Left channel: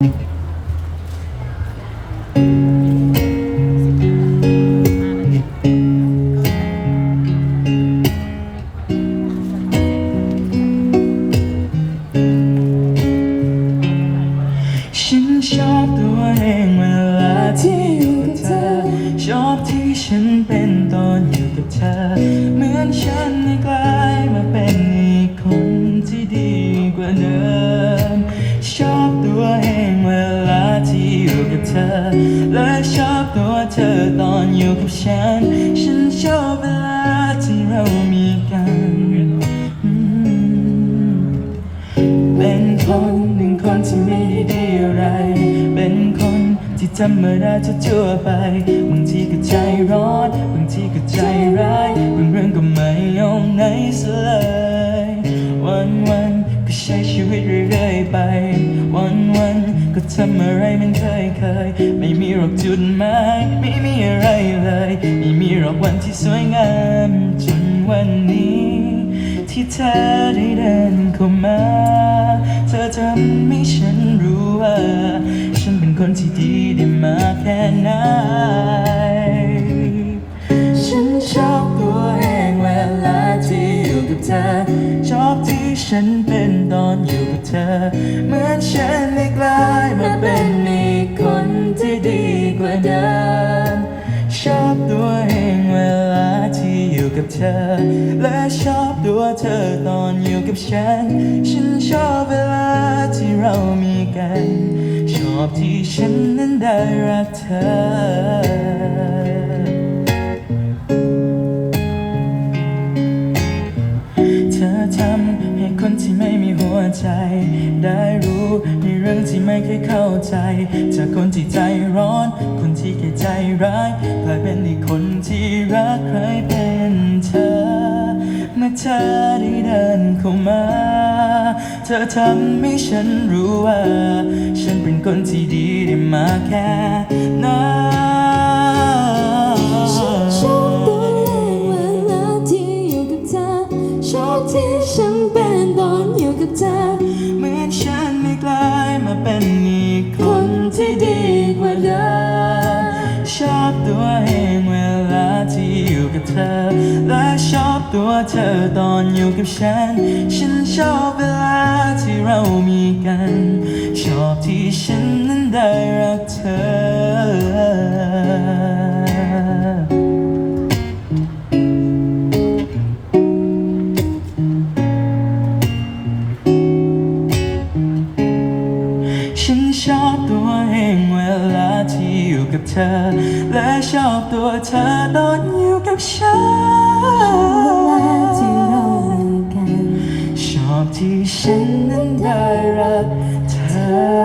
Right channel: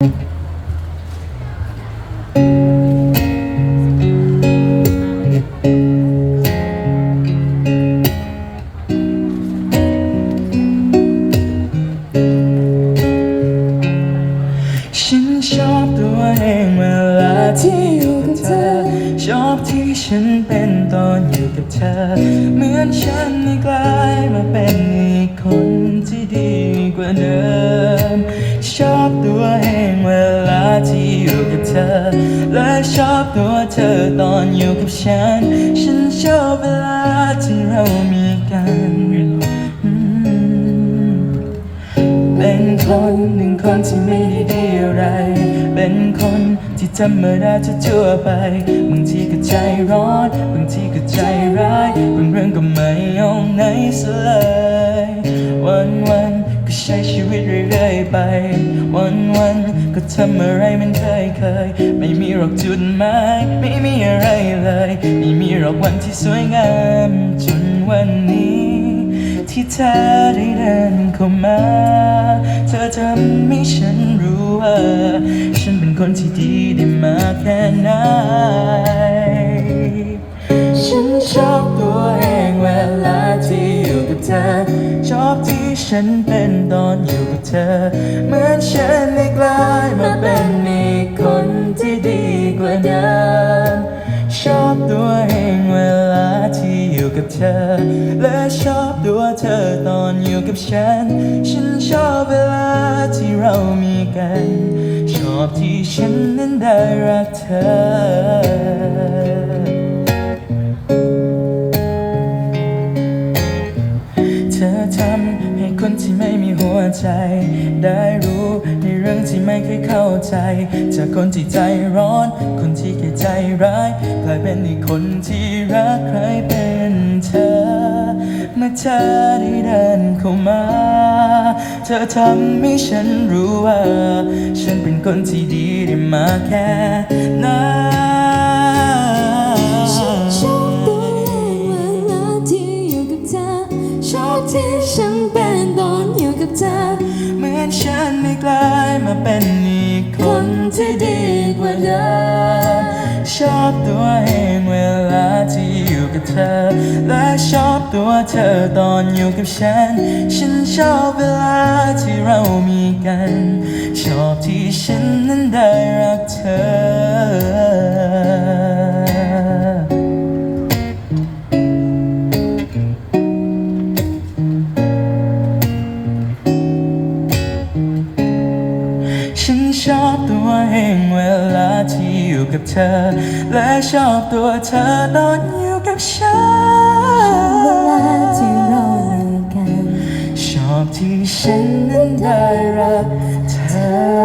ฉัน เธอ และชอบตัวเธอตอนอยู่กับฉัน ฉันชอบเวลาที่เรามีกัน เป็นคนหนึ่งคนที่ไม่ได้ดีอะไร เป็นคนที่ธรรมดาจะทั่วไป บางทีก็ใจร้อน บางทีก็ใจร้าย บางเรื่องก็ไม่ยอมไหนซะเลยวันวันก็ใช้ชีวิตเรื่อยๆไป วันวัน ก็ทำอะไรมันเคยเคยๆไม่มีหรอกจุดหมายไม่มีอะไรเลย ไม่มีหรอกวันที่สวยงามจนวันนี้ ที่เธอได้เดินเข้ามา เธอทำให้ฉันรู้ว่า ฉันเป็นคนที่ดีได้มากแค่ไหนฉันชอบตัวเองเวลาที่อยู่กับเธอ ชอบที่ฉันเป็นตอนอยู่กับเธอเหมือน วเดิมชอบตัวเองเวลาที่อยู่กับเธอ และชอบตัวเธอตอนอยู่กับฉัน ฉันชอบเวลาที่เรามีกัน ชอบที่ฉันนั้นได้รักเธอเธอทำให้คนที่ไม่มีหัวใจ ได้รู้ เคยเข้าใจ จากคนที่ใจร้อน คนที่แค่ใจร้ายกลายเป็นอีกคนที่รักใครเป็นเธอเมื่อเธอได้เดินเข้ามา เธอทำให้ฉันรู้ว่า ฉันเป็นคนที่ดีได้มาแค่ไหน ชอบตัวเองเวลาที่อยู่กับเธอ และชอบตัวเธอตอนอยู่กับฉัน ฉันชอบเวลาที่เรามีกัน ชอบที่ฉันนั้นได้รักเธอ อ และชอบตัวเธอนอนอยู่กับฉันเวลาที่เราอยู่กัน ชอบที่ฉันนั้นได้รักเธอ